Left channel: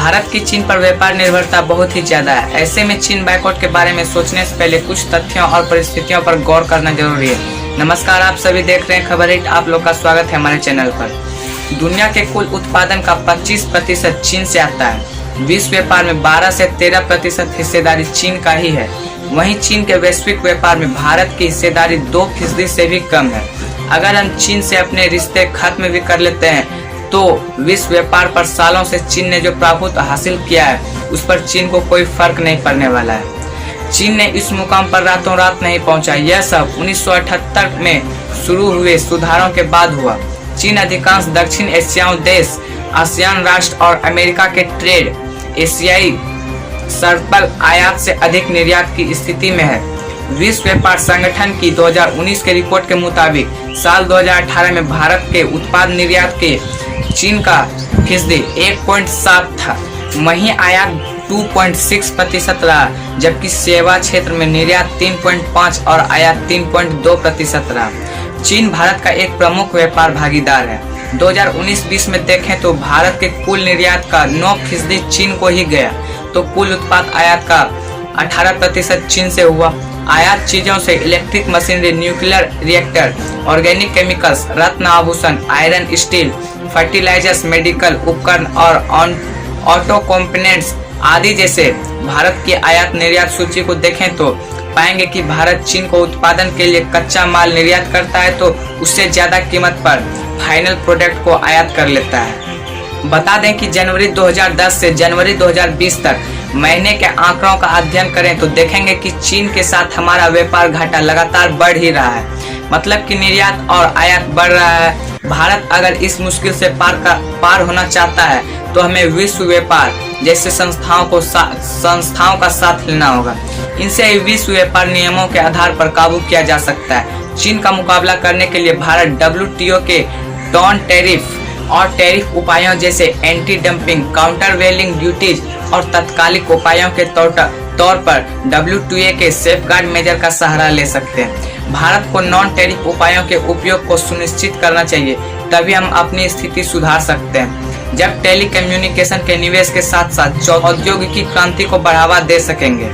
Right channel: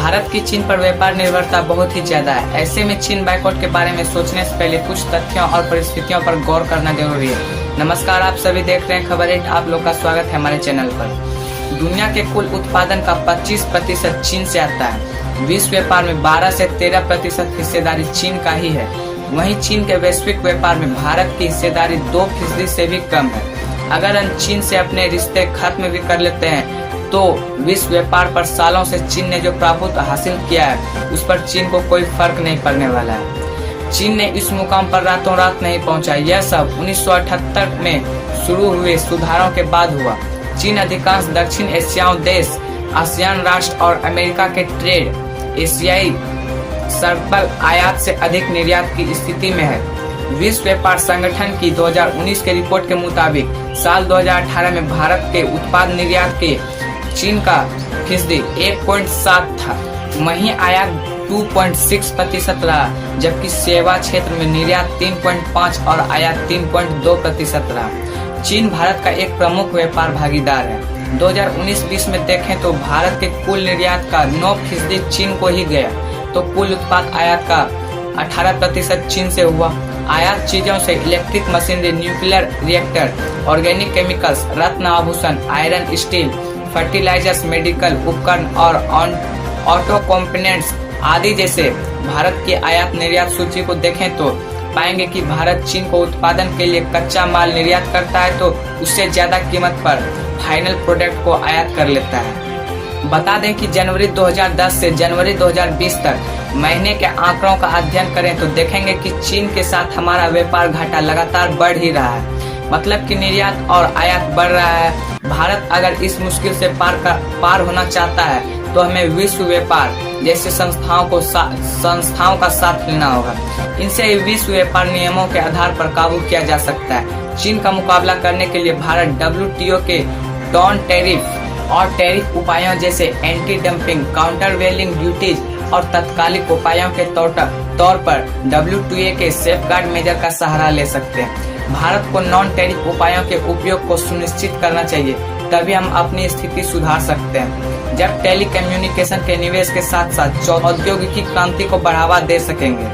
भारत की चीन पर व्यापार निर्भरता बहुत ही ज्यादा है। ऐसे में चीन बायकॉट के बारे में सोचने से पहले कुछ तथ्यों और परिस्थितियों पर गौर करना जरूरी है। नमस्कार, आप सभी देख रहे हैं खबर 8। आप लोग का स्वागत है हमारे चैनल पर। दुनिया के कुल उत्पादन का 25% चीन से आता है। विश्व व्यापार में 12 से 13% हिस्सेदारी चीन का ही है। वहीं चीन के वैश्विक व्यापार में भारत की हिस्सेदारी 2% से भी कम है। अगर हम चीन से अपने रिश्ते खत्म भी कर लेते हैं तो विश्व व्यापार पर सालों से चीन ने जो प्रभुत्व हासिल किया है उस पर चीन को कोई फर्क नहीं पड़ने वाला है। चीन ने इस मुकाम पर रातों रात नहीं पहुंचा। यह सब 1978 में शुरू हुए सुधारों के बाद हुआ। चीन अधिकांश दक्षिण एशियाई देश, आसियान राष्ट्र और अमेरिका के ट्रेड एशियाई शर्त पर आयात से अधिक निर्यात की स्थिति में है। विश्व व्यापार संगठन की 2019 के रिपोर्ट के मुताबिक साल 2018 में भारत के उत्पाद निर्यात के चीन का फीसदी 1.7 था। वहीं आयात 2.6% रहा, जबकि सेवा क्षेत्र में निर्यात 3.5 और आयात 3.2% रहा। चीन भारत का एक प्रमुख व्यापार भागीदार है। 2019-20 में देखें तो भारत के कुल निर्यात का 9% चीन को ही गया, तो कुल उत्पाद आयात का 18% चीन से हुआ। आयात चीजों से electric machinery, nuclear reactor, organic chemicals, रत्न आभूषण, आयरन, स्टील, फर्टिलाइजर्स, मेडिकल उपकरण और ऑटो कंपोनेंट्स आदि जैसे भारत की आयात निर्यात सूची को देखें तो पाएंगे कि भारत चीन को उत्पादन के लिए कच्चा माल निर्यात करता है तो उससे ज्यादा कीमत पर फाइनल प्रोडक्ट को आयात कर लेता है। बता दें कि जनवरी 2010 से जनवरी 2020 तक महीने के आंकड़ों का अध्ययन करें तो देखेंगे कि चीन के साथ हमारा व्यापार घाटा लगातार बढ़ ही रहा है। मतलब कि निर्यात और आयात बढ़ रहा है। भारत अगर इस मुश्किल से पार होना चाहता है तो हमें विश्व व्यापार जैसे संस्थाओं का साथ लेना होगा। इनसे विश्व व्यापार नियमों के आधार पर काबू किया जा सकता है। चीन का मुकाबला करने के लिए भारत WTO के नॉन टैरिफ और टैरिफ उपायों जैसे एंटी डंपिंग, काउंटर वेलिंग ड्यूटीज और तत्कालिक उपायों के तौर पर WTO के सेफगार्ड मेजर का सहारा ले सकते हैं। भारत को नॉन टैरिफ उपायों के उपयोग को सुनिश्चित करना चाहिए, तभी हम अपनी स्थिति सुधार सकते हैं। जब टेलीकम्युनिकेशन के निवेश के साथ साथ औद्योगिकी क्रांति को बढ़ावा दे सकेंगे।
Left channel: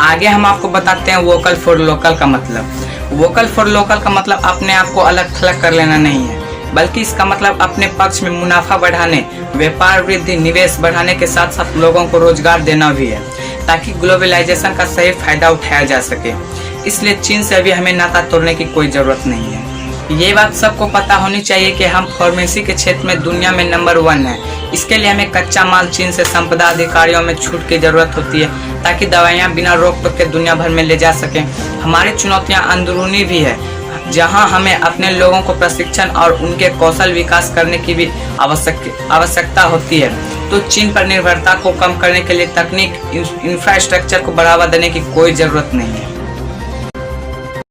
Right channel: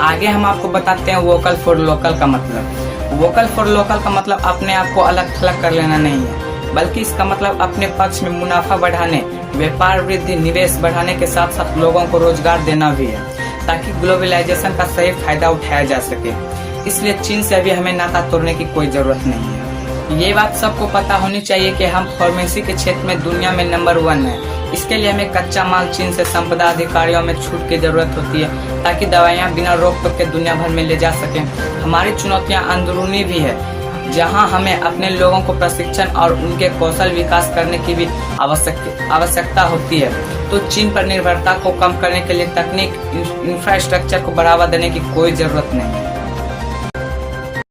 आगे हम आपको बताते हैं वोकल फॉर लोकल का मतलब। वोकल फॉर लोकल का मतलब अपने आप को अलग थलग कर लेना नहीं है, बल्कि इसका मतलब अपने पक्ष में मुनाफा बढ़ाने, व्यापार वृद्धि, निवेश बढ़ाने के साथ साथ लोगों को रोजगार देना भी है, ताकि ग्लोबलाइजेशन का सही फायदा उठाया जा सके। इसलिए चीन से अभी हमें नाता तोड़ने की कोई जरूरत नहीं है। ये बात सबको पता होनी चाहिए कि हम फार्मेसी के क्षेत्र में दुनिया में नंबर 1 है। इसके लिए हमें कच्चा माल चीन से संपदा अधिकारियों में छूट की जरूरत होती है, ताकि दवाइयाँ बिना रोक टोक के दुनिया भर में ले जा सकें। हमारी चुनौतियाँ अंदरूनी भी है, जहां हमें अपने लोगों को प्रशिक्षण और उनके कौशल विकास करने की भी आवश्यकता होती है। तो चीन पर निर्भरता को कम करने के लिए तकनीक, इंफ्रास्ट्रक्चर को बढ़ावा देने की कोई जरूरत नहीं है।